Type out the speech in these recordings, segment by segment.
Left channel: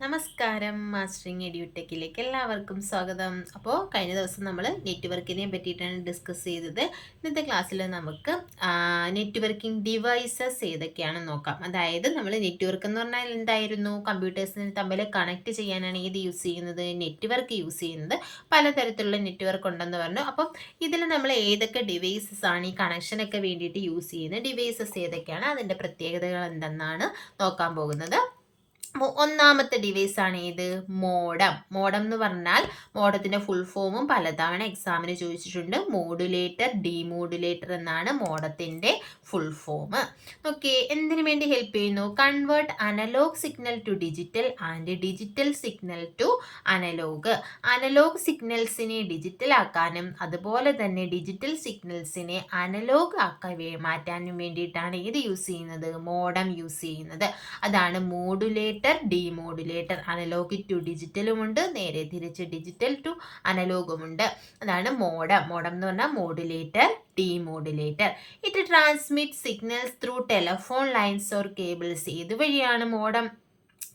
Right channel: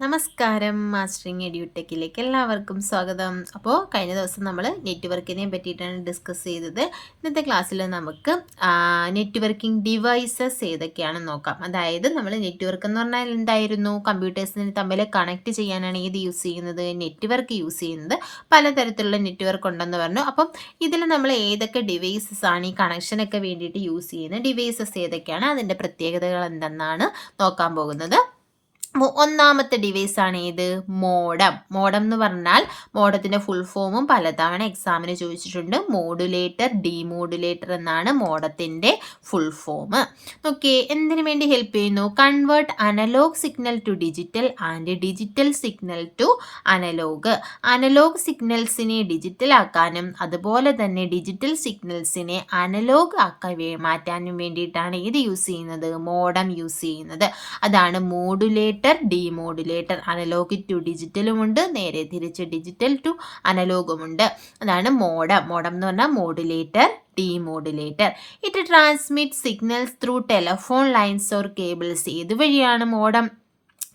നമസ്കാരം. മാസ്റ്ററിങ് എഡ്യൂടെക്കിലേക്ക് എല്ലാവർക്കും സ്വാഗതം. അപ്പോൾ കഴിഞ്ഞ ദിവസം നമ്മൾ നെറ്റ്വർക്കിനെ പറ്റിയിട്ടാണ് ഡിസ്കസ് ചെയ്തത്. ഇന്നത്തെ ക്ലാസ്സിൽ നമുക്ക് നെറ്റ്വർക്കിംഗ് ഡിവൈസസ് ഏതൊക്കെയാണെന്ന് നോക്കാം. അതായത് നമ്മൾ നെറ്റ്വർക്ക് എന്ന് പറഞ്ഞാൽ എന്തായിരുന്നു? കമ്പ്യൂട്ടേഴ്സിനെ തമ്മിൽ കണക്ട് ചെയ്യാനാണ് ഏത് യൂസ് ചെയ്യുന്നത്? നെറ്റ്വർക്ക് യൂസ് ചെയ്യുന്നത്. പലതരത്തിലുള്ള നെറ്റ്വർക്ക് ഉണ്ടെന്ന് പറഞ്ഞു. അപ്പം ഇതിൽ നമ്മൾ ഏതൊക്കെ ഡിവൈസസ് ആണ് ഈ കണക്ഷനൊക്കെ വേണ്ടിയിട്ട് യൂസ് ചെയ്യുന്നത്? ഡിവൈസസ് ഏതൊക്കെയാണ്? അതിൻ്റെ പ്രത്യേകതകൾ എന്തെന്നാണ് നോക്കാൻ പോകുന്നത്. ഒന്നാമത്തെ ഡിവൈസ് ആണ് ഏത്? മോഡം. മോഡം എന്ന് പറഞ്ഞാൽ മോഡത്തിന്റെ ഫുൾ ഫോമും പലതവണ എക്സാമിന് ചോദിച്ചിട്ടുണ്ട്. മോഡുലേറ്റർ, ഡീമോഡുലേറ്റർ എന്നാണ് മോഡത്തിന്റെ ഫുൾ ഫോം. ഓക്കെ, എന്തിനു വേണ്ടി ഹെൽപ്പ് ചെയ്യുന്നു? Convert analog signal to digital and digital signal to analog. Analog സിഗ്നൽസിനെ ഡിജിറ്റൽ ആക്കാനും അതുപോലെ തന്നെ ഡിജിറ്റൽ സിഗ്നൽസിനെ അനലോഗ് ആക്കാൻ മാറ്റാനും വേണ്ടിയിട്ടാണ് ഇത് യൂസ് ചെയ്യുന്നത്? മോഡം യൂസ് ചെയ്യുന്നത്. അതാണ് മോഡുലേറ്റർ, ഡീമോഡുലേറ്റർ. അനലോഗ് ടു ഡിജിറ്റലുമുണ്ട്, നേരെ തിരിച്ച് ഡിജിറ്റൽ ടു അനലോഗുമുണ്ട്. അതാണ് മോഡം. മോഡം എന്ന് പറഞ്ഞാൽ modulator, demodulator. It transmit signals through telephone lines or cables. ഏതുവഴിയാണ് മോഡം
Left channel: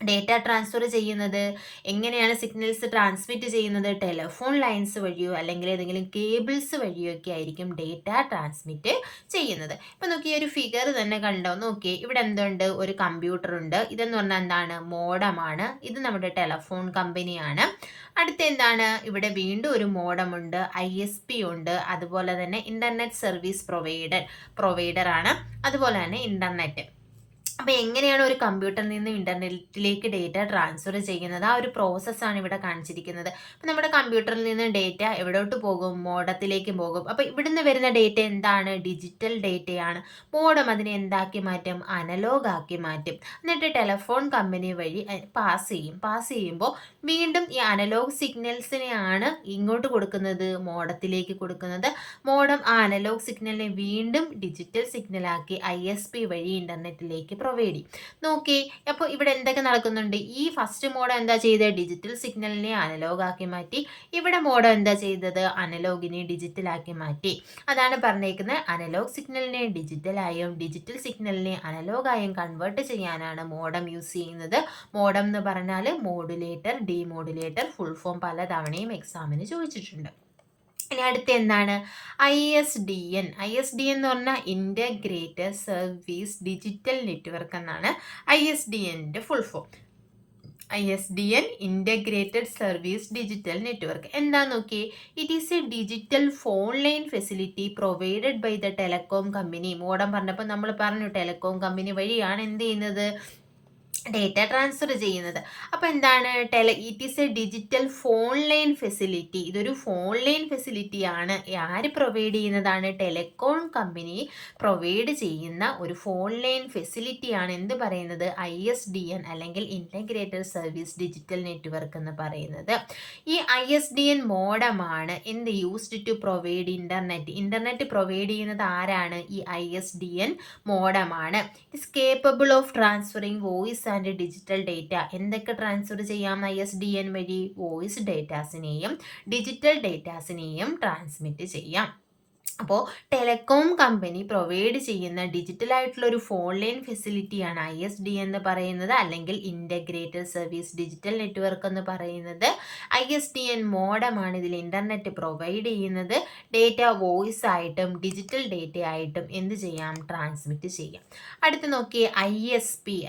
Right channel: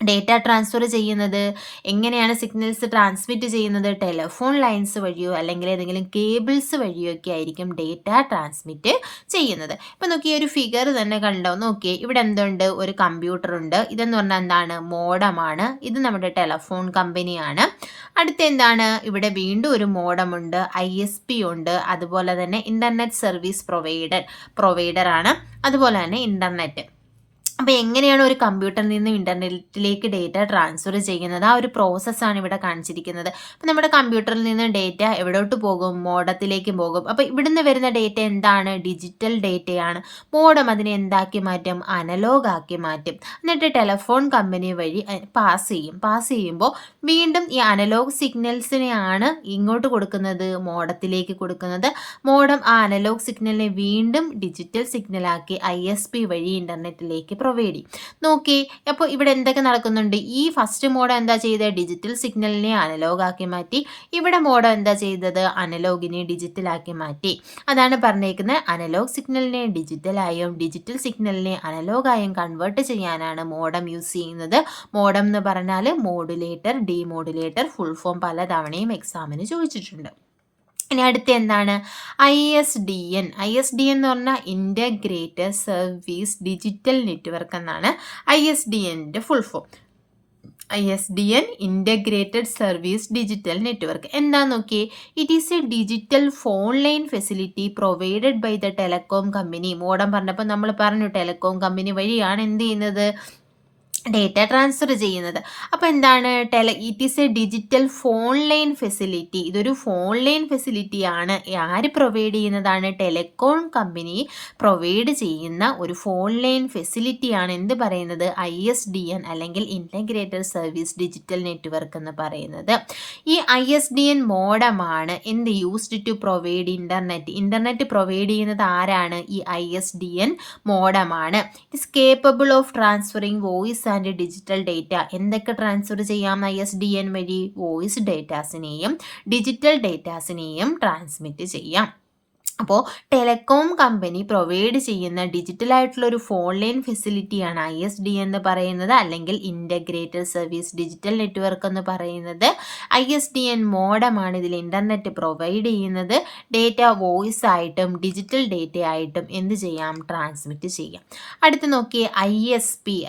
ഡേറ്റ ട്രാൻസ്ഫർ ചെയ്യുന്നത്? എങ്ങനെയാണ് സിഗ്നൽസ് ട്രാൻസ്മിറ്റ് ചെയ്യുന്നത്? ടെലഫോൺ ലൈൻസ് വഴിയോ അല്ലെങ്കിൽ ഏതെങ്കിലും കേബിൾസ് വഴിയോ ഒക്കെ ആയിരിക്കും ഡേറ്റ ട്രാൻസ്മിറ്റ് ചെയ്യുന്നത്. ഇപ്പം നോക്കിയ ഒരു ഫിഗർ തന്നെ കണ്ടോ? നോക്കിയേ, ഇവിടെ എന്തുണ്ട്? ഒരു കമ്പ്യൂട്ടർ ഉണ്ട്. ഇതെന്ന് പറഞ്ഞാൽ എന്താണ്? മോഡമാണ്. ഇത് നമ്മുടെ ടെലഫോൺ കമ്പനിയാണ്. അടുത്ത എന്താണ്? ഇവിടെ വീണ്ടും ഒരു മോഡമുണ്ട്, ISP ഉണ്ട്, അതുപോലെ തന്നെ ഇൻ്റർനെറ്റ് സർവീസ് പ്രൊവൈഡറാണ്, അതുപോലെ തന്നെ ഇൻ്റർനെറ്റ്. അപ്പോൾ എങ്ങനെയാണ് ഒരു കമ്പ്യൂട്ടറിൽ നിന്ന് ഇൻ്റർനെറ്റിലേക്ക് ഡേറ്റ ട്രാൻസ്ഫർ ചെയ്യുന്നത്? ആ ഒരു പ്രോസസ്സാണ് ഇവിടെ കാണിച്ചിരിക്കുന്നത്. അപ്പോൾ നമ്മുടെ കമ്പ്യൂട്ടറിൽ നിന്ന് ഡേറ്റ എവിടോട്ട് പോകും? മോഡത്തിലേക്ക് പോകും. അപ്പോൾ ഇവിടുന്ന് വരുന്ന ഡേറ്റ എന്താണ്? ഡിജിറ്റൽ ഡേറ്റയാണ്. മോഡം അതിനെ എന്താക്കി മാറ്റും? അനലോഗ് ആക്കി മാറ്റും. എന്നിട്ട് ടെലഫോൺ കമ്പനി വഴി പാസ് ചെയ്യുമ്പോൾ വീണ്ടും ഈ അനലോഗ് സിഗ്നൽസിനെയാണ് ഇങ്ങോട്ട് കൊടുക്കുന്നത്, മോഡത്തിലേക്ക് കൊടുക്കുന്നത്. മോഡം ആ അനലോഗ് സിഗ്നലിനെ വീണ്ടും ഡിജിറ്റൽ സിഗ്നലാക്കി ISP വഴി ഇൻ്റർനെറ്റിലേക്ക് പ്രൊവൈഡ് ചെയ്യും. നോക്കി, അപ്പോൾ ഇവിടെ എന്തൊക്കെ നടക്കുന്നുണ്ട്? ഈ ഫസ്റ്റ് മോഡ് എന്താ ചെയ്തത്? ഡിജിറ്റൽ സിഗ്നലിനെ അനലോഗ് ആക്കി മാറ്റി. ഇവിടെ മോഡ് എന്താ ചെയ്തത്? അനലോഗിനെ ഡിജിറ്റലാക്കി മാറ്റി. അതാണ് പറഞ്ഞേക്കുന്നത്, അനലോഗ് സിഗ്നലിനെ ഡിജിറ്റലായും ഡിജിറ്റൽ സിഗ്നലിനെ അനലോഗായും കൺവേർട്ട് ചെയ്യാനാണ് മോഡം യൂസ് ചെയ്യുന്നത്. മോഡം എന്ന് പറഞ്ഞാൽ മോഡുലേറ്റർ, ഡീമോഡുലേറ്റർ. ഫുൾ ഫോം പലതവണയും എക്സാമിന് ചോദിച്ചിട്ടുണ്ട്. ഇനി അടുത്ത എന്താണ്? ISDN. ISDN എന്ന് പറഞ്ഞാൽ ഇൻ്റഗ്രേറ്റഡ് സർവീസ് ഡിജിറ്റൽ നെറ്റ്വർക്ക് എന്നാണ് ISDNൻ്റെ full form. ISDN, integrated service digital network. എന്താ നോക്കിയേ? It is a digital phone line facility provided by the telecom company. Modem പറഞ്ഞപ്പോൾ നമ്മൾ പറഞ്ഞു ടെലകോം കമ്പനി വഴിയാണ് എന്ത് ചെയ്യുന്നത്? ഡേറ്റ ട്രാൻസ്ഫർ ചെയ്യുന്നത്. അപ്പോൾ എന്താണ്? It is a digital phone line facility. ഇതൊരു ഫോൺ ലൈൻ ഫെസിലിറ്റിയാണ്. ആര് പ്രൊവൈഡ് ചെയ്യുന്നതാണ്? ടെലികോം കമ്പനി പ്രൊവൈഡ് ചെയ്യുന്ന ഒരു ഫോൺ ലൈൻ ഫെസിലിറ്റിയാണ് എന്ത് പറയുന്നത്? ISDN അല്ലെങ്കിൽ ഇൻ്റഗ്രേറ്റഡ് സർവീസ് ഡിജിറ്റൽ നെറ്റ്വർക്ക് എന്ന് പറയുന്നത്. ഈ ISDN മോഡമാണ് എന്ത് used to provide internet provide ചെയ്യുന്നത് ആരാണ്? ഈ ISDN മോഡമാണ്. It's capable of transferring voice and digital data. എന്തൊക്കെ ട്രാൻസ്ഫർ ചെയ്യാം ISDN വഴി? വോയിസ് ഡേറ്റാസിനെയും ഡിജിറ്റൽ ഡേറ്റാസിനെയും ട്രാൻസ്മിറ്റ് ചെയ്യാം. അപ്പോൾ ടെലകോം കമ്പനി പ്രൊവൈഡ് ചെയ്യുന്ന ഡിജിറ്റലായിട്ടുള്ള ഒരു ഫോൺ ലൈൻ ഫെസിലിറ്റിയാണ് ISDN എന്ന് പറയുന്നത്, അല്ലെങ്കിൽ ഇൻ്റഗ്രേറ്റഡ് സർവീസ് ഡിജിറ്റൽ നെറ്റ്വർക്ക് എന്ന് പറയുന്നത്. ISDN മോഡമാണ് ഇതിൽ ഇൻ്റർനെറ്റ് പ്രൊവൈഡ് ചെയ്യുന്നത്. ഡേറ്റ വോയിസ് ആയിട്ടും ഡിജിറ്റൽ ഡേറ്റ ആയിട്ടും എന്ത് ചെയ്യാം? ട്രാൻസ്മിറ്റ് ചെയ്യാം. അടുത്ത് നോക്കിയേ,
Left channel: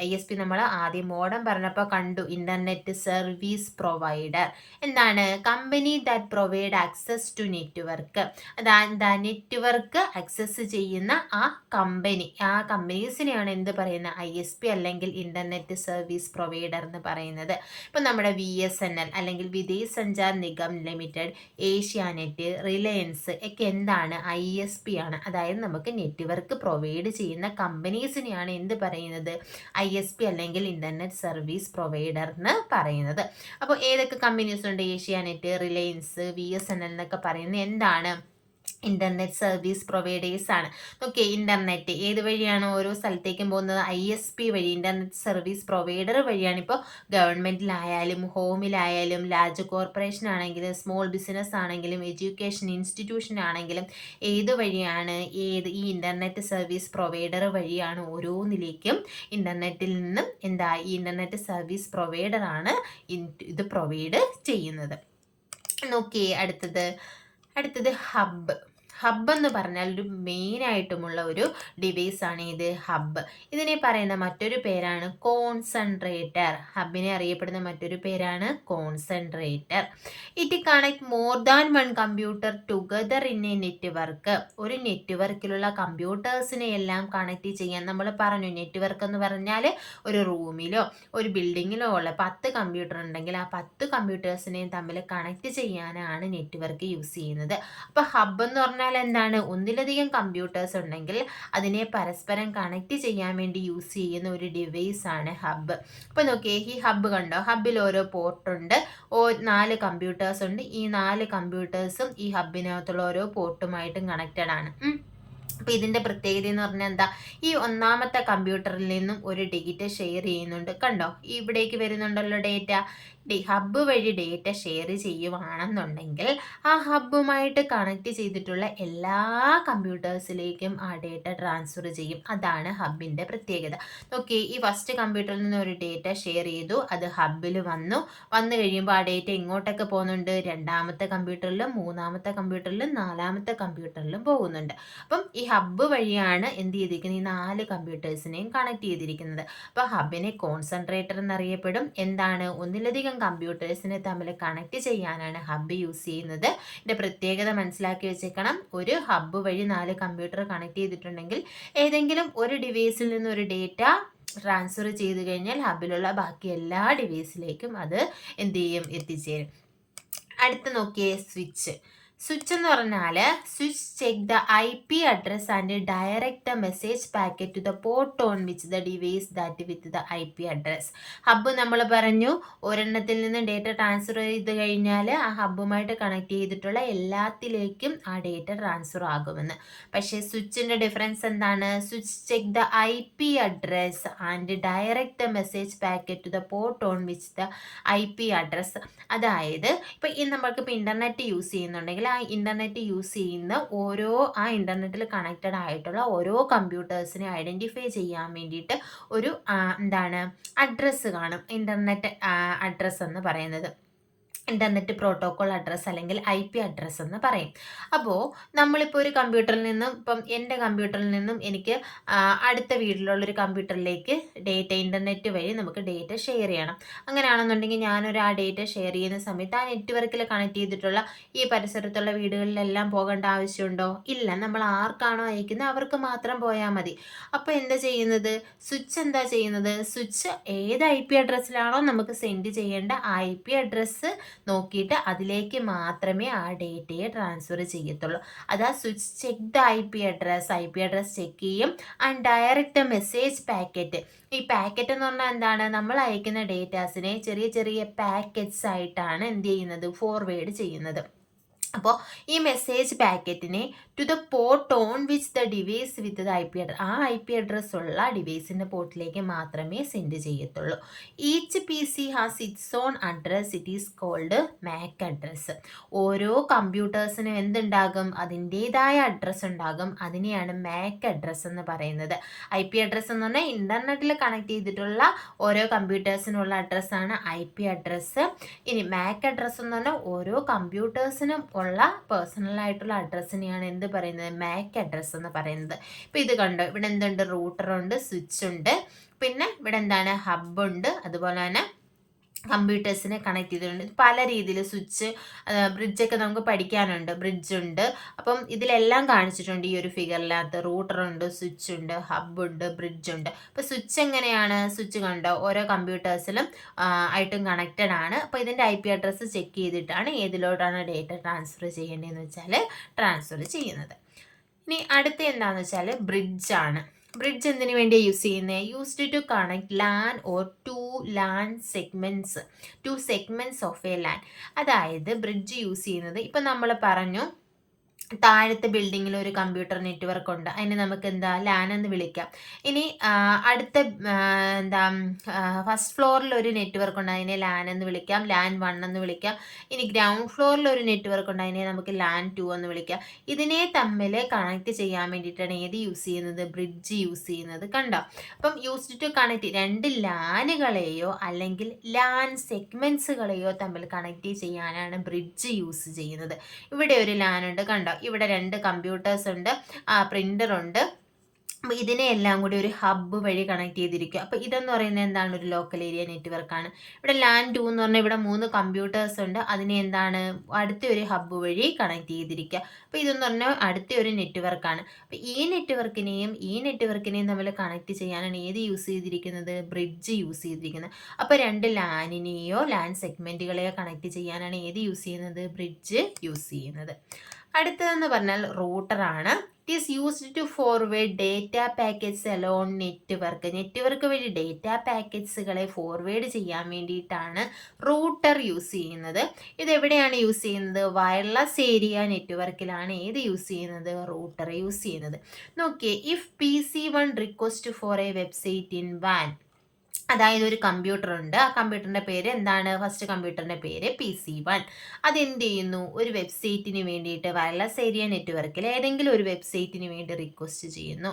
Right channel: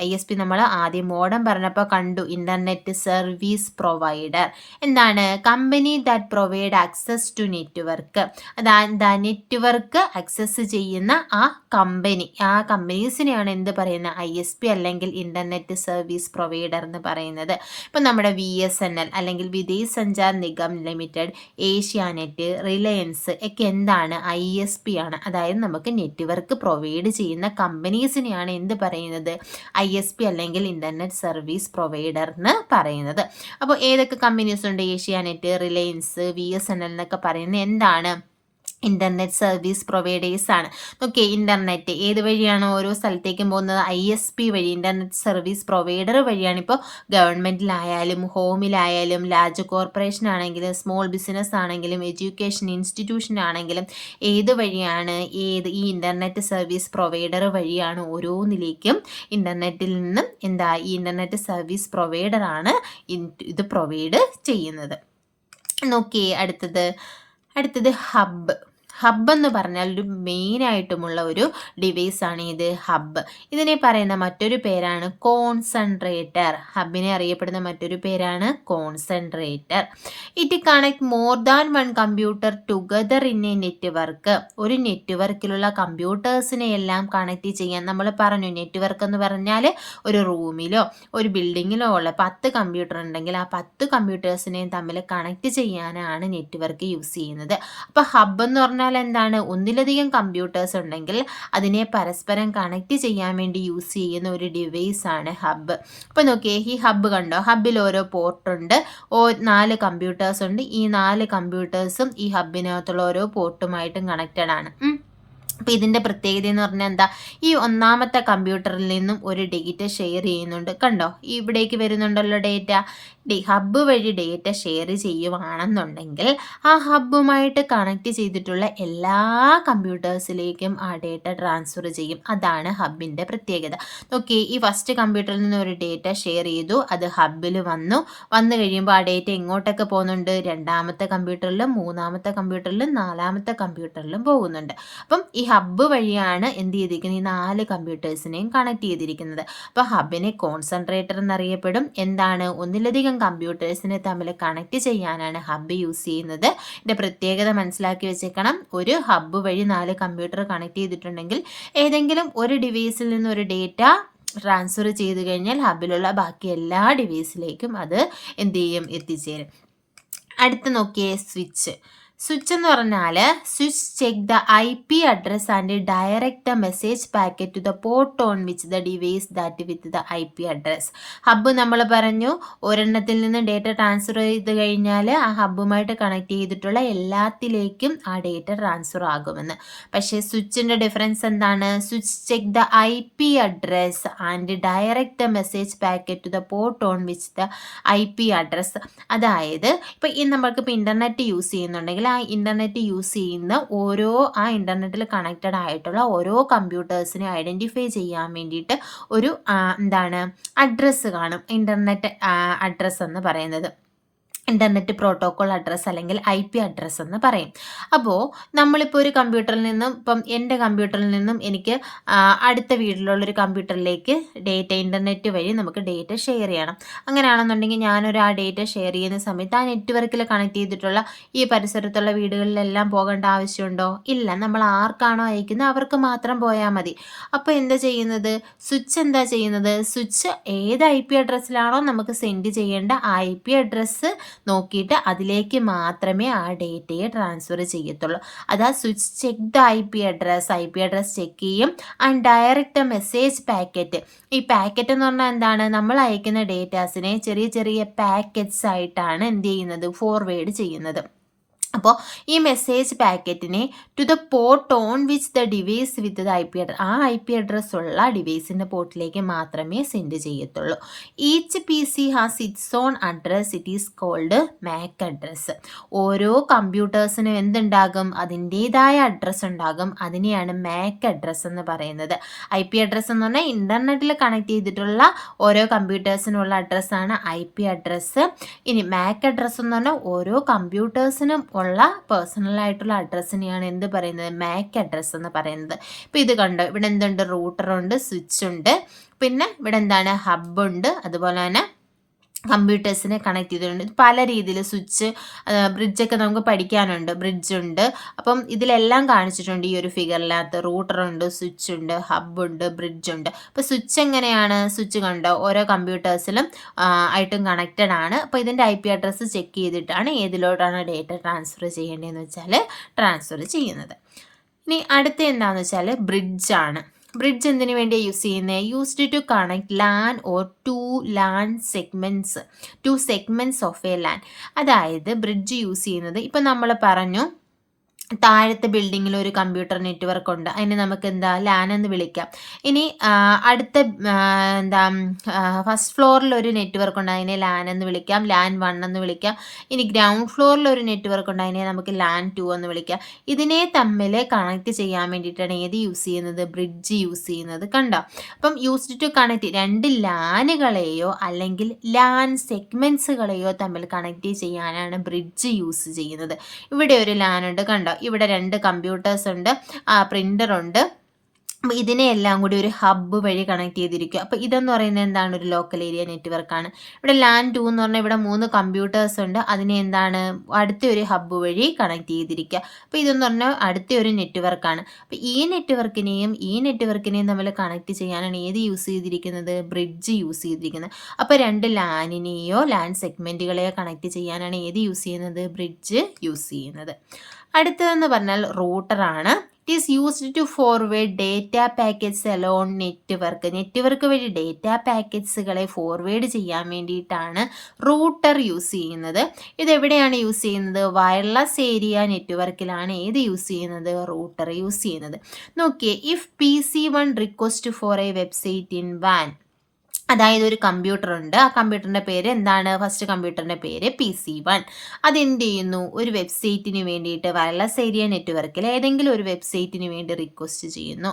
ISP നമ്മൾ ആദ്യം മോഡം പറഞ്ഞപ്പോൾ കണ്ടു, ഇൻ്റർനെറ്റ് സർവീസ് പ്രൊവൈഡർ. എന്താണ്? Company that provide access to network. അതായത് നെറ്റ്വർക്ക് ആക്സസ് ചെയ്യുന്ന ആ കമ്പനീസിനെയാണ് എന്ത് പറയുന്നത്? ISP അല്ലെങ്കിൽ ഇൻ്റർനെറ്റ് സർവീസ് പ്രൊവൈഡർ എന്ന് പറയുന്നത്. ഇപ്പം നമ്മുടെ VSNL അല്ലെങ്കിൽ വിദേശ് സഞ്ചാർ നിഗം ലിമിറ്റഡ്, ഏഷ്യാനെറ്റ്, റിലയൻസ് ഒക്കെ എന്താണ്? ISP ആണ്. അതായത് നമുക്ക് നെറ്റ്വർക്ക് പ്രൊവൈഡ് ചെയ്യുന്ന കമ്പനീസിനെയാണ് എന്ത് പറയുന്നത്? ISP അല്ലെങ്കിൽ ഇൻ്റർനെറ്റ് സർവീസ് പ്രൊവൈഡർ എന്ന് പറയുന്നത്. അപ്പോൾ ഏതൊക്കെ കമ്പനീസ് ഉണ്ട്? ഏഷ്യാനെറ്റ്, റിലയൻസ്, VSNL എന്നൊക്കെ പറയുന്നത് എന്താണ്? ഇൻ്റർനെറ്റ് സർവീസ് പ്രൊവൈഡേഴ്സ് ആണ്. ഓക്കെ, ഇൻ്റർനെറ്റ് ഏത് വഴിയാണ് ഓരോ സ്ഥലത്തേക്കും പോകുന്നത്? ISP വഴി, ഇൻ്റർനെറ്റ് സർവീസ് പ്രൊവൈഡർ വഴിയാണ്. ഇപ്പോൾ ഗവൺമെൻറ്റിലായാലും ഹോമിലായാലും ലാർജ് കോർപ്പറേഷൻ ആണെങ്കിലും സ്മോൾ ബിസിനസ് ആണെങ്കിലും എഡ്യൂക്കേഷൻ ഇൻസ്റ്റിറ്റ്യൂഷൻ ആണെങ്കിലും ഏത് വഴിയാണ്? ഈ ഇൻ്റർനെറ്റ് സർവീസ് പ്രൊവൈഡർ വഴിയാണ് ഓരോന്നിലേക്കും ഇൻ്റർനെറ്റിൽ നിന്നും ഈ ഇൻ്റർനെറ്റ് സർവീസ് പ്രൊവൈഡറാണ് ഇത് പ്രൊവൈഡ് ചെയ്യുന്നത്. നോക്കിയേ അടുത്തത് ഹബ്ബ് എന്ന് പറഞ്ഞാൽ ഒരു മെയിനായിട്ടുമുള്ള ഒരു ഡിവൈസാണ് ഇത് ഹബ്ബ്. ഇതിനെ പറയുന്ന മറ്റൊരു പേരാണ് കോൺസെൻട്രേറ്റർ. ഹബ്ബിനെ അറിയപ്പെടുന്ന മറ്റൊരു പേരാണ് concentrator. It connect more than one computer together in A network. ഒരു നെറ്റ്വർക്കിലുള്ള കമ്പ്യൂട്ടേഴ്സിനെ എല്ലാം കണക്ട് ചെയ്യാൻ നമ്മൾ പറഞ്ഞു. നെറ്റ്വർക്ക് എന്ന് പറഞ്ഞാൽ ഒരു റൂമിലോ ഒരു ബിൽഡിങ്ങിലോ ഉള്ള 10 കമ്പ്യൂട്ടർ ഉണ്ടെങ്കിൽ ആ 10 കമ്പ്യൂട്ടേഴ്സിനെയും തമ്മിൽ കണക്ട് ചെയ്യാനാണ് നെറ്റ്വർക്ക് യൂസ് ചെയ്യുന്നത്. അപ്പോൾ ഹബ്ബ് എന്ന് പറഞ്ഞാൽ എന്താണ്? ഒന്നിലധികം കമ്പ്യൂട്ടേഴ്സ് ഉണ്ടെങ്കിൽ അതിനെ പരസ്പരം കണക്ട് ചെയ്യാൻ വേണ്ടി യൂസ് ചെയ്യുന്ന ഒരു ഡിവൈസ് ആണ് ഹബ്ബ്. അപ്പോൾ നോക്കിയേ, ഈ ഹബ്ബ് കണ്ടോ? ഹബ്ബിൽ ഓരോ പോർട്ടുണ്ട്, 4 കമ്പ്യൂട്ടേഴ്സ് ഉണ്ട്. ഈ 4 കമ്പ്യൂട്ടേഴ്സും ഈ ഹബ്ബിനകത്തുള്ള ഓരോ പോർട്ടുമായിട്ടും കണക്റ്റഡ് ആണ്. അപ്പോൾ ഇതിൻ്റെ പ്രത്യേകത എന്ന് പറഞ്ഞാൽ എന്താ? ഈ ഒന്നാമത്തെ കമ്പ്യൂട്ടറിൽ നിന്നും ഒരു ഡേറ്റ ഷെയർ ചെയ്യുന്നുണ്ട്. കണ്ടോ, ഇവിടേക്ക് വരുന്നുണ്ടല്ലോ ഡേറ്റ. ഹബ്ബ് വഴി ഡേറ്റ ഷെയർ ചെയ്യുവാണെന്നുണ്ടെങ്കിൽ ആ ഹബ്ബുമായിട്ട് കണക്ട് ചെയ്തിട്ടുള്ള എല്ലാ കമ്പ്യൂട്ടേഴ്സിലേക്കും ആ ഡേറ്റ ട്രാൻസ്ഫർ ചെയ്യും. അതാണ് ഹബ്ബിൻ്റെ പ്രത്യേകത. ഓക്കെ, ഈ ഫസ്റ്റ് കമ്പ്യൂട്ടറിൽ നിന്ന് ഒരു ഡേറ്റ ഷെയർ ചെയ്തു, അത് ഹബ്ബിൽ വന്നു കഴിയുമ്പോൾ ആ ഡേറ്റ എങ്ങോട്ടൊക്കെ പോകുന്നുണ്ട്? രണ്ടാമത്തെ കമ്പ്യൂട്ടറിലും 3ാമത്തെ കമ്പ്യൂട്ടറിലും 4ാമത്തെ കമ്പ്യൂട്ടറിലും പോകുന്നുണ്ട്. അപ്പം ഈ ഹബ്ബ് വഴിയാണ് എന്ത് ചെയ്തിരിക്കുന്നത്? ഈ 4 കമ്പ്യൂട്ടേഴ്സിനെയും കണക്ട് ചെയ്തിരിക്കുന്നത്. അപ്പോൾ ഹബ്ബിനെ കോൺസെൻട്രേറ്റർ എന്നറിയപ്പെടും. എന്താണ്? ഒന്നിലധികം കമ്പ്യൂട്ടേഴ്സിനെ തമ്മിൽ കണക്ട് ചെയ്യാനാണ് ഹബ്ബ് യൂസ് ചെയ്യുന്നത്. ഇതിൻ്റെ പ്രത്യേകത മനസ്സിലാക്കി വെച്ചേക്കണം. ഒരു ഹബ്ബ് വഴി 4 കമ്പ്യൂട്ടർ കണക്ട് ചെയ്തിട്ടുണ്ടെങ്കിൽ ഏതെങ്കിലും ഒരു ഡിവൈസിൽ നിന്ന് ഒരു ഡേറ്റ ട്രാൻസ്ഫർ ചെയ്ത് കഴിഞ്ഞാൽ ഹബ്ബിലുള്ള ബാക്കി എല്ലാ ഡിവൈസിലേക്കും അത് എന്ത് ചെയ്യും? എത്തിച്ചേരും. അടുത്ത് നോക്കിയേ, സ്വിച്ച് എന്ന് പറഞ്ഞാൽ switch check the IP address and direct the message packet to the port on which the device that with the IP address. Hub നമ്മൾ പറഞ്ഞു ഒരെണ്ണത്തിൽ നിന്ന് ഡേറ്റ ട്രാൻസ്ഫർ ചെയ്ത് കഴിഞ്ഞാൽ ആ ഹബ്ബുമായിട്ട് കണക്ട് ചെയ്തിട്ടുള്ള എല്ലാത്തിലേക്കും ആ ഡേറ്റ ട്രാൻസ്ഫർ ആകുമെന്ന്. പക്ഷേ സ്വിച്ചിൻ്റെ ഡിഫറൻസ് എന്താണ്? Switch check the IP address and direct the message packet to the port on which the IP address. അതായത് ഇപ്പോൾ നമ്മൾക്കിപ്പോൾ ഇൻ്റർനെറ്റ് യൂസ് ചെയ്യുന്നുണ്ടെങ്കിൽ ആ ഇൻ്റർനെറ്റ് യൂസ് ചെയ്യുന്ന ആ ഇൻ്റർനെറ്റിൽ കണക്റ്റഡ് ആയിട്ടുള്ള ഓരോ കമ്പ്യൂട്ടേഴ്സിനെ ഐഡൻറ്റിഫൈ ചെയ്യാൻ വേണ്ടിയിട്ട് ഒരു അഡ്രസ്സ് കാണും. ഇൻ്റർനെറ്റ് അഡ്രസ്സ് എന്ന് പറയുന്നത് ഇൻ്റർനെറ്റ് പ്രോട്ടോക്കോൾ അഡ്രസ്സ് അല്ലെങ്കിൽ IP അഡ്രസ്സ് എന്ന് പറയും. അപ്പോൾ നമ്മളിപ്പോൾ ഒരു കമ്പ്യൂട്ടറിൽ നിന്നും, ഇപ്പം എൻ്റെ കമ്പ്യൂട്ടറിൽ നിന്നും എനിക്ക് അടുത്ത വീട്ടിലുള്ളൊരു കമ്പ്യൂട്ടറിലേക്ക് ഇൻ്റർനെറ്റ് വഴി നമുക്ക് ഡേറ്റ ഷെയർ ചെയ്യണം. അങ്ങനെയാണെന്നുണ്ടെങ്കിൽ ഞാനൊരു ആ ഡേറ്റ ഷെയർ ചെയ്യുന്ന സമയത്ത് ആ നെറ്റ്വർക്കിൽ കണക്ട് ചെയ്തിട്ടുള്ള ഈ പരിസരത്തുള്ള വീടുകളിലെല്ലാം പോകേണ്ട ആവശ്യമുണ്ടോ? ഇല്ല. നമ്മൾ ആർക്കാണോ അയക്കുന്നത് അവർക്ക് മാത്രം പോയാൽ മതി. അപ്പോൾ എന്താ ചെയ്യുന്നത്? സ്വിച്ച് ഏത് IP അഡ്രസ്സിലാണോ നമുക്ക് സെൻഡ് ചെയ്യേണ്ട ആ IP അഡ്രസ്സ് നോക്കിയിട്ട് അതിലേക്ക് മാത്രമേ ആ ഡേറ്റയെ ട്രാൻസ്ഫർ ചെയ്യത്തുള്ളൂ. അതാ switch check the IP address check ചെയ്യും. And direct message packet. ഈ പാക്കറ്റ് എന്ന് പറഞ്ഞാൽ എന്താണ്? നമ്മൾ അയക്കുന്ന ഡേറ്റാസിനെ ചെറിയ ചെറിയ പാക്കറ്റ്സ് ആയിട്ടാണ് എന്ത് ചെയ്യുന്നത്? ഫോർവേഡ് ചെയ്യുന്നത്. അപ്പോൾ ഈ മെസ്സേജ് പാക്കറ്റിനെ to the port on which the device with the IP address, ആ IP അഡ്രസ് ഉള്ള ഡിവൈസിൻ്റെ പോർട്ടിലേക്ക് മാത്രമേ സെൻഡ് ചെയ്യത്തുള്ളൂ. Each PC has its own address. It is called MAC address. ഓരോ കമ്പ്യൂട്ടേഴ്സിനും എന്തുണ്ടാകും? അതിൻ്റേതായ അഡ്രസ്സ് ഉണ്ടാകും. അതിനെയാണ് MAC അഡ്രസ്സ് എന്ന് പറയുന്നത്. IP അഡ്രസ്സ് എന്ന് പറഞ്ഞാൽ ഇൻ്റർനെറ്റിൽ കണക്ട് ചെയ്തിട്ടുള്ള ഓരോ കമ്പ്യൂട്ടേഴ്സിനുള്ള അഡ്രസ്സാണ് IP അഡ്രസ്സ്. ഇനി MAC അഡ്രസ്സ് എന്ന് പറഞ്ഞാൽ ഓരോ കമ്പ്യൂട്ടേഴ്സിനും ഉള്ള പേഴ്സണൽ ആയിട്ടുള്ള അഡ്രസ്സിനെയാണ് എന്ത് പറയുന്നത്? MAC അഡ്രസ്സ് എന്ന് പറയുന്നത്. ഇപ്പോൾ ഇത് കണ്ടോ, ഇവിടെ എന്തുണ്ട്? റൂട്ടറുണ്ട്, സ്വിച്ച് ഉണ്ട്, പിന്നെ ഇവിടെ എന്താണ്? ഹബ്ബുണ്ട്, അതുപോലെ തന്നെ കമ്പ്യൂട്ടേഴ്സിനെ കണക്ട് ചെയ്തിട്ടുണ്ട്. പല രീതിയിൽ സ്വിച്ച്, ബ്രിഡ്ജൊക്കെ നമുക്ക് പഠിക്കാനുണ്ട്. ബ്രിഡ്ജുണ്ട്. അപ്പം ഇതിലെല്ലാം കാണിച്ചിട്ടുണ്ട് ഈ ഒരു ഫിഗറിനകത്ത്. റൂട്ടറുണ്ട്, സ്വിച്ച് ഉണ്ട്, ഹബ്ബുണ്ട്, ബ്രിഡ്ജുണ്ട്. അപ്പോൾ സ്വിച്ച് എങ്ങനെയാണ്? സ്വിച്ച് കണ്ടോ ഓരോ കമ്പ്യൂട്ടേഴ്സിലും ആയിട്ടും കണക്റ്റഡ് ആണ്. അപ്പോൾ ഇതിൻ്റെ IP അഡ്രസ്സ് ചെക്ക് ചെയ്തിട്ടാണ് ഏതിലോട്ടാണ് ഡേറ്റ ട്രാൻസ്ഫർ ചെയ്യേണ്ടതെന്ന് വെച്ചാൽ ട്രാൻസ്ഫർ ചെയ്യുന്നത്. ഇനി അടുത്ത എന്താണെന്ന് വെച്ചാൽ ബ്രിഡ്ജാണ്. ബ്രിഡ്ജ് എന്തിനു വേണ്ടിയാണ് യൂസ് ചെയ്യുന്നത്? Used to connect LAN or to segments of a LAN. അതായത് ബ്രിഡ്ജ് യൂസ് ചെയ്യുന്നത്, ഇപ്പം നമ്മൾ പറഞ്ഞു താഴത്തെ ബിൽഡിങ്ങിൽ ഒരു കമ്പ്യൂട്ടർ നെറ്റ്വർക്ക് ഉണ്ട്, അതിനെ നമുക്ക് എന്താ ലാൻ എന്ന് വിളിക്കാം. ഇനി അടുത്ത എന്താ ഫസ്റ്റ് ഫ്ലോറിൽ ഒരു നെറ്റ്വർക്ക് ഉണ്ട്, അതിനെ ലാൻ എന്ന് വിളിക്കാം, ലാൻ 1 എന്ന് വിളിക്കാം. ഇനി ഗ്രൗണ്ട് ഫ്ലോറിൽ ഒരു നെറ്റ്വർക്ക് ഉണ്ട്, അതിനെ നമുക്ക് ലാൻ 2 എന്ന് വിളിക്കാം. ഇതിനെ തമ്മിൽ കണക്ട് ചെയ്യാൻ വേണ്ടിയിട്ടാണ് ഏത് യൂസ് ചെയ്യുന്നത്, ബ്രിഡ്ജ് യൂസ് ചെയ്യുന്നത്. കണ്ടോ? അപ്പം യൂസ്ഡ് ടു കണക്ട് രണ്ട് ലാനുകളെയോ അല്ലെങ്കിൽ ലാൻ സെഗ്മെന്റ്സുകളെയോ തമ്മിൽ കണക്ട് ചെയ്യാനാണ് ബ്രിഡ്ജ് യൂസ് ചെയ്യുന്നത്. ഇവിടെ ഒരു ലാൻ ഉണ്ട്, കണ്ടോ? ഇവിടെ 2 കമ്പ്യൂട്ടേഴ്സ് ഉണ്ട്, പ്രിൻ്റർ ഉണ്ട്. അപ്പോൾ ഇതിനെയെല്ലാം കൂടി ഒരു ഹബ്ബ് വഴി കണക്ട് ചെയ്തിരിക്കുക. അപ്പോൾ ഇതെന്ന് പറയുന്നത് എന്താണ്, ഒരു ലോക്കൽ ഏരിയ നെറ്റ്വർക്കാണ്. ഇവിടെ ലാൻ 2 എന്ന് പറഞ്ഞാൽ ഇവിടെ 3 കമ്പ്യൂട്ടേഴ്സ് ഉണ്ട്, അതിനെ എന്താണ് അടുത്ത ഒരു ഹബ്ബ് വഴി കണക്ട് ചെയ്തിരിക്കുക. അപ്പോൾ ഇതെന്ന് പറഞ്ഞാൽ അടുത്ത ഒരു നെറ്റ്വർക്കാണ്. അപ്പോൾ ഈ നെറ്റ്വർക്കിനെയും തമ്മിൽ കണക്ട് ചെയ്യാനാണ് ഏത് യൂസ് ചെയ്തിരിക്കുന്നത്, ബ്രിഡ്ജ് യൂസ് ചെയ്തിരിക്കുന്നത്. അപ്പോൾ 2 ലാനിനെയോ ലാൻ സെഗ്മെൻറ്റുകളെയോ കണക്ട് ചെയ്യാനാണ് ഏത് യൂസ് ചെയ്യുന്നത്, ബ്രിഡ്ജ് യൂസ് ചെയ്യുന്നത്. അടുത്തതെന്ന് പറഞ്ഞാൽ റൂട്ടറാണ്. It is used to forward data packets along network വഴി ഡേറ്റ പാക്കറ്റ്സുകളെ ഫോർവേഡ് ചെയ്യാൻ വേണ്ടിയിട്ടാണ് റൂട്ടർ യൂസ് ചെയ്യുന്നത്. ഇതെവിടെയാണ് യൂസ് ചെയ്യുന്നത്, വയർലെസ് ഏരിയ നെറ്റ്വർക്കിലാണ് ഏത് യൂസ് ചെയ്യുന്നത്, റൂട്ടർ യൂസ് ചെയ്യുന്നത്. നോക്കിയേ, if PC1 request for a website in വാൻ, അതായത് ഒരു കമ്പ്യൂട്ടർ ഉണ്ട്, ആ കമ്പ്യൂട്ടറിൻ്റെ പേര് എന്താണ്, ഫസ്റ്റ് കമ്പ്യൂട്ടറിൻ്റെ പേര് PC1. അതെന്ത് ചെയ്യുന്നു, ഒരു വെബ്സൈറ്റിന് വേണ്ടിയിട്ട് വയർലെസ് ഏരിയ നെറ്റ്വർക്കിൽ ഏതെങ്കിലും ഒരു വെബ്സൈറ്റിന് വേണ്ടി റിക്വസ്റ്റ് ചെയ്യുന്നു.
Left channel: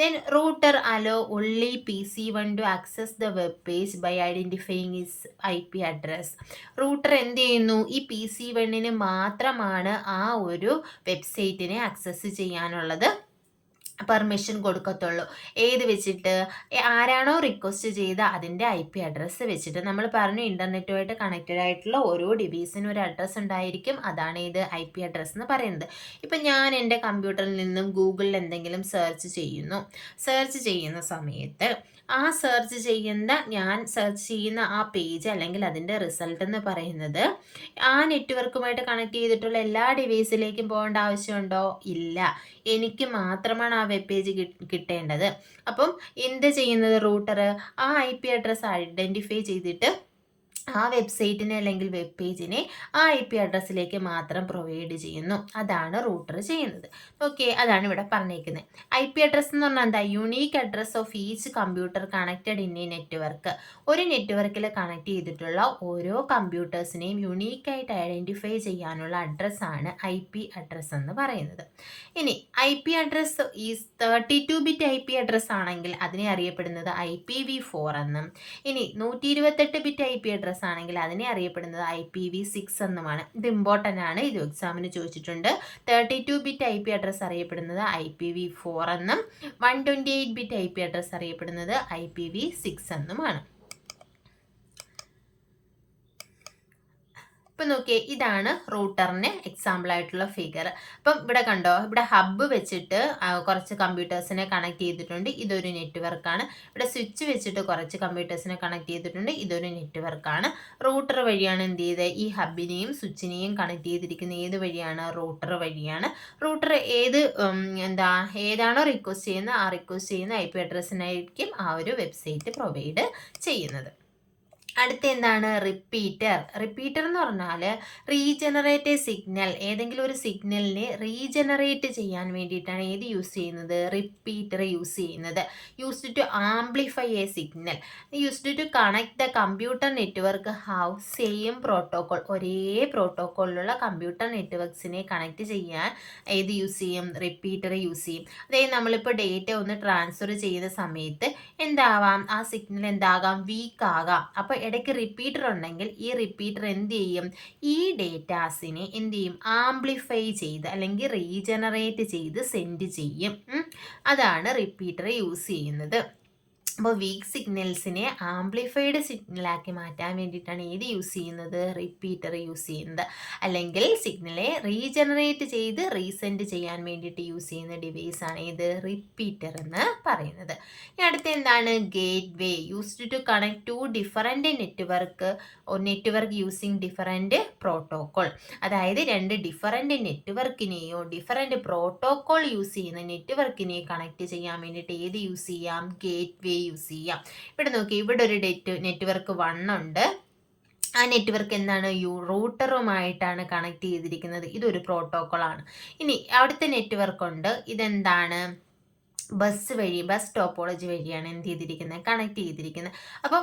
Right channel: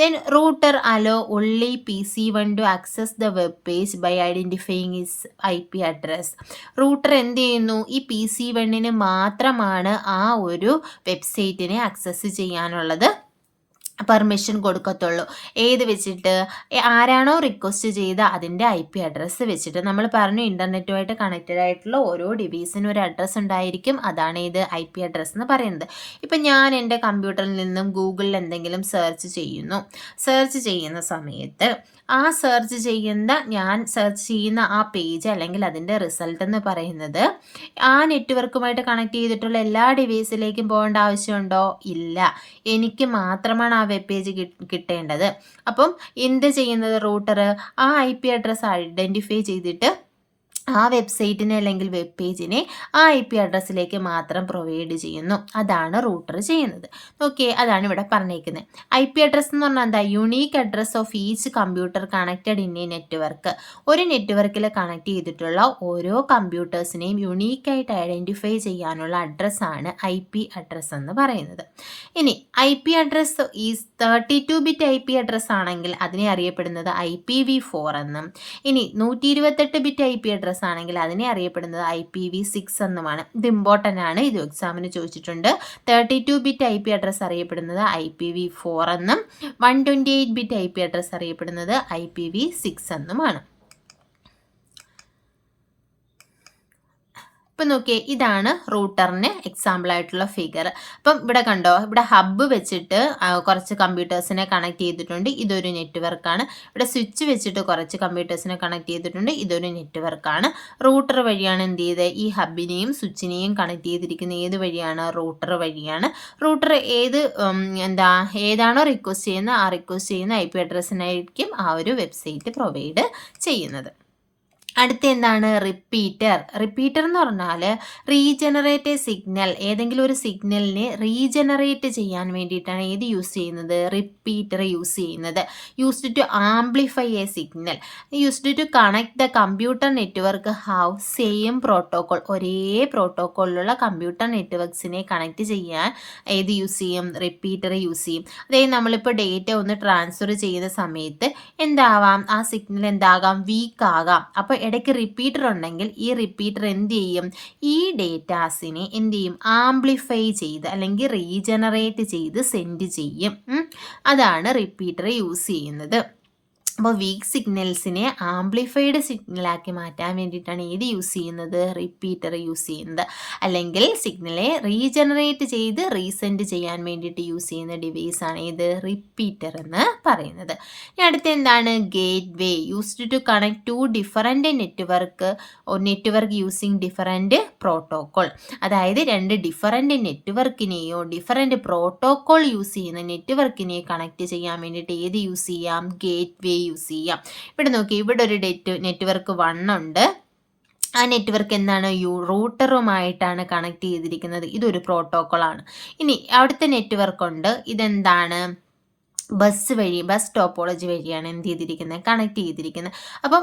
Then router allow only PC1 to access the web page by identifying is IP address. Router എന്ത് ചെയ്യുന്നു, ഈ PC1 മാത്രമാണ് ആ ഒരു വെബ്സൈറ്റിനെ ആക്സസ് ചെയ്യാനുള്ളത് പെർമിഷൻ കൊടുക്കത്തുള്ളൂ. ഏത് വെച്ചിട്ട്, ആരാണോ റിക്വസ്റ്റ് ചെയ്ത അതിൻ്റെ IP അഡ്രസ്സ് വെച്ചിട്ട്. നമ്മൾ പറഞ്ഞു ഇൻ്റർനെറ്റുമായിട്ട് കണക്റ്റഡ് ആയിട്ടുള്ള ഓരോ ഡിവൈസിനും ഒരു അഡ്രസ്സ് ഉണ്ടായിരിക്കും, അതാണ് ഇത് IP അഡ്രസ്സ് എന്ന് പറയുന്നത്. ഇപ്പം ഞാൻ എൻ്റെ കമ്പ്യൂട്ടറിൽ നിന്നും ഗൂഗിളിൽ എന്തെങ്കിലും സെർച്ച് ചെയ്യുന്ന സമയത്ത് ആ ഞാൻ സെർച്ച് ചെയ്യുന്ന ആ പേജ് അല്ലെങ്കിൽ അതിൻ്റെ റിസൾട്ട് എന്ന് പറയുന്നത് ആ നെറ്റ്വർക്കുമായിട്ട് കണക്ട് ചെയ്തിട്ടുള്ള എല്ലാ ഡിവൈസിലേക്കും പോകേണ്ട ആവശ്യമുണ്ടോ, ഇല്ല. എനിക്ക് മാത്രമാണ് ആ വെബ് പേജ് കിട്ടേണ്ടത്. അപ്പം എന്ത് ചെയ്യുന്നത്, റൂട്ടർ ആ IP അഡ്രസ്സ് ഐഡൻറ്റിഫൈ ചെയ്തിട്ട് ആ വെബ്സൈറ്റിനെ അല്ലെങ്കിൽ വെബ് പേജിനെ ആ IP അഡ്രസ്സിലേക്ക് മാത്രം പ്രൊവൈഡ് ചെയ്യുന്നു. അതാണ് റൂട്ടർ ചെയ്യുന്നത്. ഓക്കെ, അതാണ് ഇവിടെ പറഞ്ഞേക്കുന്നത്. IP അഡ്രസ്സ് എന്ന് പറഞ്ഞാൽ എന്താ, unique address of each computer connected in A network. ഒരു നെറ്റ്വർക്കിൽ കണക്ട് ചെയ്തിട്ടുള്ള ഓരോ കമ്പ്യൂട്ടേഴ്സിനെയും യുണീക്കായിട്ട് ഐഡൻറ്റിഫൈ ചെയ്യാനുള്ള അഡ്രസ്സാണ് IP അഡ്രസ്സ് എന്ന് പറയുന്നത്. ഇനി IP address is 32-bit IP address ആണെങ്കിൽ അതിനെ അറിയപ്പെടുന്നത് IPv4 എന്നും, ഇനി 128-bit IP അഡ്രസ്സ് ആണെങ്കിൽ അതിനെ അറിയപ്പെടുന്നത് IPv6 എന്നുമാണ്. ഇത് ഇമ്പോർട്ടൻ്റ് ആണ്, ഇത് എക്സാമിന് ചോദിച്ചിട്ടുണ്ട്. 32-bit IP അഡ്രസ്സ് അറിയപ്പെടുന്നത് IPv4 എന്നും 128-bit IP അഡ്രസ്സ് അറിയപ്പെടുന്നത് IPv6 എന്നുമാണ്. ഇപ്പം നോക്കിയേ, ഇതാണ് റൂട്ടറിന് എക്സാമ്പിൾ ആയിട്ടുള്ള ഫിഗർ. അപ്പം ഇവിടെ കണ്ടോ, ഇവിടെ ഹബ്ബ് വെച്ചിട്ട് കുറച്ച് കമ്പ്യൂട്ടേഴ്സിനെ കണക്ട് ചെയ്തിട്ടുണ്ട്, ഇതൊരു നെറ്റ്വർക്കാണ്. ഇവിടെ സ്വിച്ച് വെച്ചിട്ട് കുറച്ച് കമ്പ്യൂട്ടേഴ്സിനെ കണക്ട് ചെയ്തിട്ടുണ്ട്, ഇതൊരു നെറ്റ്വർക്കാണ്. റൂട്ടർ വഴിയാണ് എന്ത് ചെയ്ത് ഈ ഹബിനെയും സ്വിച്ചിനെയും കണക്ട് ചെയ്തിരിക്കുന്നത്, ഏത് വഴിയാണ്, റൂട്ടർ വഴിയാണ്. റൂട്ടർ ഏതാണോ റിക്വസ്റ്റ് ചെയ്യുന്നത് ആ റിക്വസ്റ്റ് ചെയ്യുന്ന IP അഡ്രസ്സിനായിരിക്കും ആ ഒരു വെബ്സൈറ്റ് പ്രൊവൈഡ് ചെയ്യുന്നത്. അടുത്ത എന്താണ്, റിപ്പീറ്റർ എന്ന് പറഞ്ഞാൽ റീജനറേറ്റ് സിഗ്നൽ, ഏതെങ്കിലും ഒരു സിഗ്നലിനെ റീജനറേറ്റ് ചെയ്യാൻ വേണ്ടിയിട്ടാണ് ഏത് യൂസ് ചെയ്യുന്നത്, റിപ്പീറ്റർ യൂസ് ചെയ്യുന്നത്. Used to amplify a signal, used to connect the computer network have same protocol, ഒരേ പ്രോട്ടോകോളിലുള്ള കമ്പ്യൂട്ടർ നെറ്റ്വർക്ക്സിനെ കണക്ട് ചെയ്യാൻ ഏത് യൂസ് ചെയ്യും, റിപ്പീറ്റർ യൂസ് ചെയ്യും. അതായത് നമ്മളിപ്പോൾ ഡേറ്റ ഒന്ന് ട്രാൻസ്ഫർ ചെയ്യുന്ന സമയത്ത് എന്താവാം, ആ സിഗ്നൽ എന്താകാം, വീക്ക് ആകാം. അപ്പോൾ ഇടയ്ക്ക് റിപ്പീറ്റർ ഉണ്ടെങ്കിൽ ഈ റിപ്പീറ്റർ എന്ത് ചെയ്യും, ഈ ഡേറ്റാസിനെ എന്ത് ചെയ്യും, ആംപ്ലിഫൈ ചെയ്ത് അല്ലെങ്കിൽ റീജനറേറ്റ് ചെയ്ത് സെൻഡ് ചെയ്യും. അതാണ് റിപ്പീറ്റർ യൂസ് ചെയ്യുന്നത്. അപ്പോൾ വീക്ക് സിഗ്നൽസിനെ ആംപ്ലിഫൈഡ് സിഗ്നലാക്കി മാറ്റാൻ വേണ്ടിയിട്ടാണ് ഏത് യൂസ് ചെയ്യുന്നത്, റിപ്പീറ്റർ യൂസ് ചെയ്യുന്നത്. അല്ലെങ്കിൽ സിഗ്നലെ റീജനറേറ്റ് ചെയ്ത് റീസെൻഡ് ചെയ്യാൻ വേണ്ടിയിട്ട് യൂസ് ചെയ്യുന്ന ഡിവൈസാണ് ഏത്, റിപ്പീറ്റർ എന്ന് പറയുന്നത്. ഇനി അടുത്ത എന്താണ്, gateway, used to connect to different network using different protocol. അതായത് രണ്ട് ഡിഫറൻറ്റ് നെറ്റ്വർക്കിനെയോ ഡിഫറൻറ്റ് പ്രോട്ടോകോൾ യൂസ് ചെയ്യുന്ന നെറ്റ്വർക്കിനെയോ കണക്ട് ചെയ്യാൻ വേണ്ടിയിട്ട് ഏത് യൂസ് ചെയ്യാം, ഗേറ്റ് വേ യൂസ് ചെയ്യാം. ഇവിടെ നോക്കി, ഇവിടെ ഒരു നെറ്റ്വർക്ക് 1 ഉണ്ട്, ആ നെറ്റ്വർക്ക് എന്താണ് റൂട്ടറുമായിട്ടാണ് കണക്ട് ചെയ്തിരിക്കുന്നത്. ഇതൊരു പ്രോട്ടോക്കോളാണ്. ഇനി അടുത്ത നെറ്റ്വർക്ക് ഉണ്ട്. ഇതെന്താണ്? ബസ് ടോപ്പോളജി വഴിയാണ് എന്ത് ചെയ്തിരിക്കുന്നത്, കണക്ട് ചെയ്തിരിക്കുന്നത്. അപ്പം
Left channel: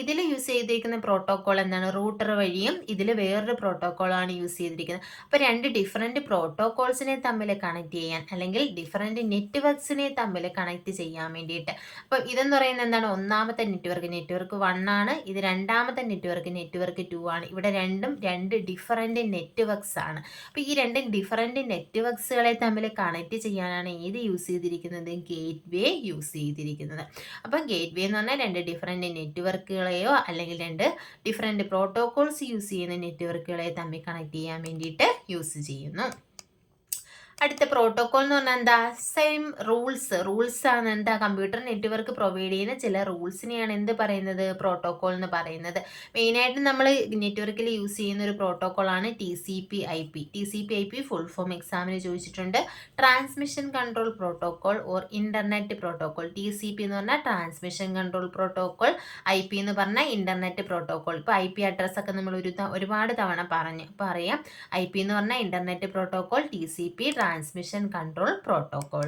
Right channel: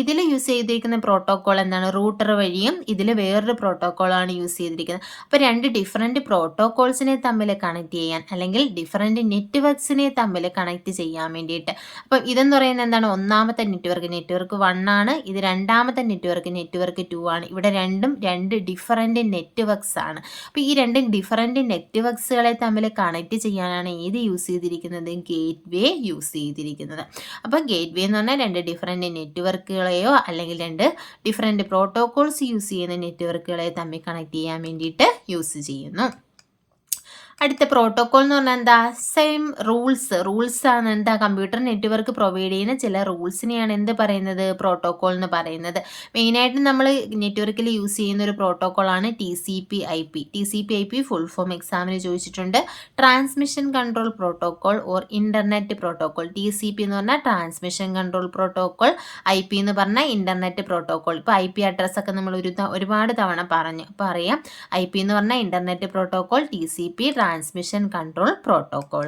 ഇതിൽ യൂസ് ചെയ്തിരിക്കുന്ന പ്രോട്ടോക്കോൾ എന്താണ്? റൂട്ടർ വഴിയും ഇതിൽ വേറൊരു പ്രോട്ടോക്കോളാണ് യൂസ് ചെയ്തിരിക്കുന്നത്. അപ്പോൾ രണ്ട് ഡിഫറെൻറ്റ് പ്രോട്ടോക്കോൾസിനെ തമ്മിൽ കണക്ട് ചെയ്യാൻ, അല്ലെങ്കിൽ ഡിഫറെൻറ്റ് നെറ്റ്വർക്ക്സിനെ തമ്മിൽ കണക്ട് ചെയ്യാൻ വേണ്ടിയിട്ട്. അപ്പം ഇതെന്ന് പറയുന്നത് എന്താണ്? ഒന്നാമത്തെ നെറ്റ്വർക്ക് 1 ആണ്. ഇത് രണ്ടാമത്തെ നെറ്റ്വർക്ക് 2 ആണ്. ഇവിടെ രണ്ട് ഡിഫറെൻറ്റ് നെറ്റ്വർക്ക്സ് ആണ്. അപ്പോൾ ഈ രണ്ട് ഡിഫറെൻറ്റ് നെറ്റ്വർക്ക്സുകളെ തമ്മിൽ കണക്ട് ചെയ്യാനാണ് ഏത് യൂസ് ചെയ്തിരിക്കുന്നത്? ഗേറ്റ് വേ യൂസ് ചെയ്തിരിക്കുന്നത്. അപ്പോൾ ഗേറ്റ് വേ എന്ന് പറഞ്ഞാൽ രണ്ട് ഡിഫറെൻറ്റ് നെറ്റ്വർക്കുകളെയോ അല്ലെങ്കിൽ രണ്ട് ഡിഫറെൻറ്റ് പ്രോട്ടോകോൾസ് യൂസ് ചെയ്യുന്ന നെറ്റ്വർക്കുകളെ തമ്മിൽ കണക്ട് ചെയ്യാൻ വേണ്ടിയിട്ട് യൂസ് ചെയ്യുന്നു. അടുത്ത പ്രോട്ടോകോൾ എന്ന് പറഞ്ഞാൽ എന്താ? സെയിം റൂൾസ് ആണ്. എന്താ? കമ്പ്യൂട്ടർ നെറ്റ്വർക്ക് പ്രൊവൈഡ് ചെയ്യുന്ന ചില റൂൾസിനെയാണ് എന്ത് പറയുന്നത്? പ്രോട്ടോകോൾ എന്ന് പറയുന്നത്. മെയിനായിട്ട് നമ്മൾ നെറ്റ്വർക്കിൽ യൂസ് ചെയ്യുന്ന ഒരു പ്രോട്ടോകോളാണ് TCP/IP. ഫുൾ ഫോം എക്സാമിന് ചോദിച്ചിട്ടുണ്ട്. Transmission control protocol or internet protocol. TCP എന്ന് പറഞ്ഞാൽ ട്രാൻസ്മിഷൻ കൺട്രോൾ പ്രോട്ടോകോൾ, IP എന്ന് പറഞ്ഞാൽ ഇന്റർനെറ്റ് പ്രോട്ടോകോൾ. ഇപ്പോൾ IP അഡ്രസ് ഒക്കെ നമ്മൾ ഒരുപാട് തവണ പറഞ്ഞു. അപ്പോൾ അറിയാം, IP എന്ന് പറഞ്ഞാൽ internet protocol, TCP transmission control protocol.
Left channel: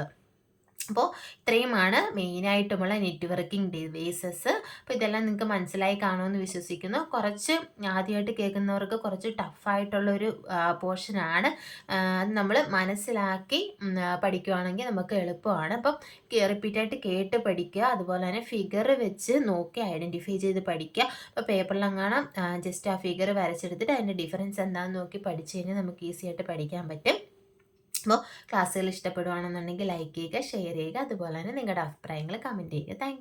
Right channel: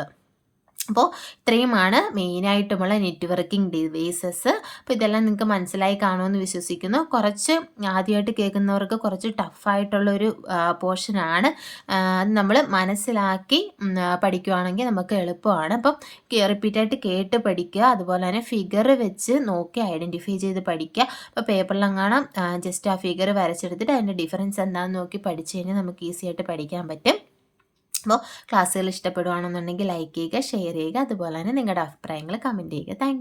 അപ്പോൾ ഇത്രയുമാണ് മെയിനായിട്ടുമുള്ള നെറ്റ്വർക്കിംഗ് ഡിവൈസസ്. അപ്പോൾ ഇതെല്ലാം നിങ്ങൾക്ക് മനസ്സിലായി കാണുമെന്ന് വിശ്വസിക്കുന്നു. കുറച്ച് ആദ്യമായിട്ട് കേൾക്കുന്നവർക്ക് കുറച്ച് ടഫായിട്ടുള്ളൊരു പോർഷനാണ്. അത് നമ്മൾ മനസ്സിലാക്കി പഠിക്കുകയാണെങ്കിൽ നമുക്ക് എളുപ്പമാണ്. അപ്പം റിപ്പീറ്റായിട്ട് കേട്ട് പഠിക്കുക. അതുപോലെ തന്നെ ഫിഗർ വെച്ച് നോക്കി ഐഡൻറ്റിഫൈ ചെയ്ത് പഠിക്കുക. അപ്പോൾ പേപ്പറിലെങ്ങാനും ജസ്റ്റ് ആ ഫിഗർ വരച്ചെടുത്തിട്ട് അതിൻ്റെ ഡിഫറൻസ് എന്താണെന്ന് നോക്കി പഠിച്ചു കഴിഞ്ഞാൽ നമുക്ക് ഈസി ആയിട്ട് പഠിക്കാൻ പറ്റും. അപ്പോൾ ക്ലാസ്സുകൾ ഇഷ്ടപ്പെടുകയാണെന്നുണ്ടെങ്കിൽ ലൈക്ക് ചെയ്യുക, ഷെയർ ചെയ്യുക. അതുപോലെ തന്നെ നിങ്ങളുടെ അഭിപ്രായങ്ങൾ കമൻറ്റ് ചെയ്യുക. താങ്ക്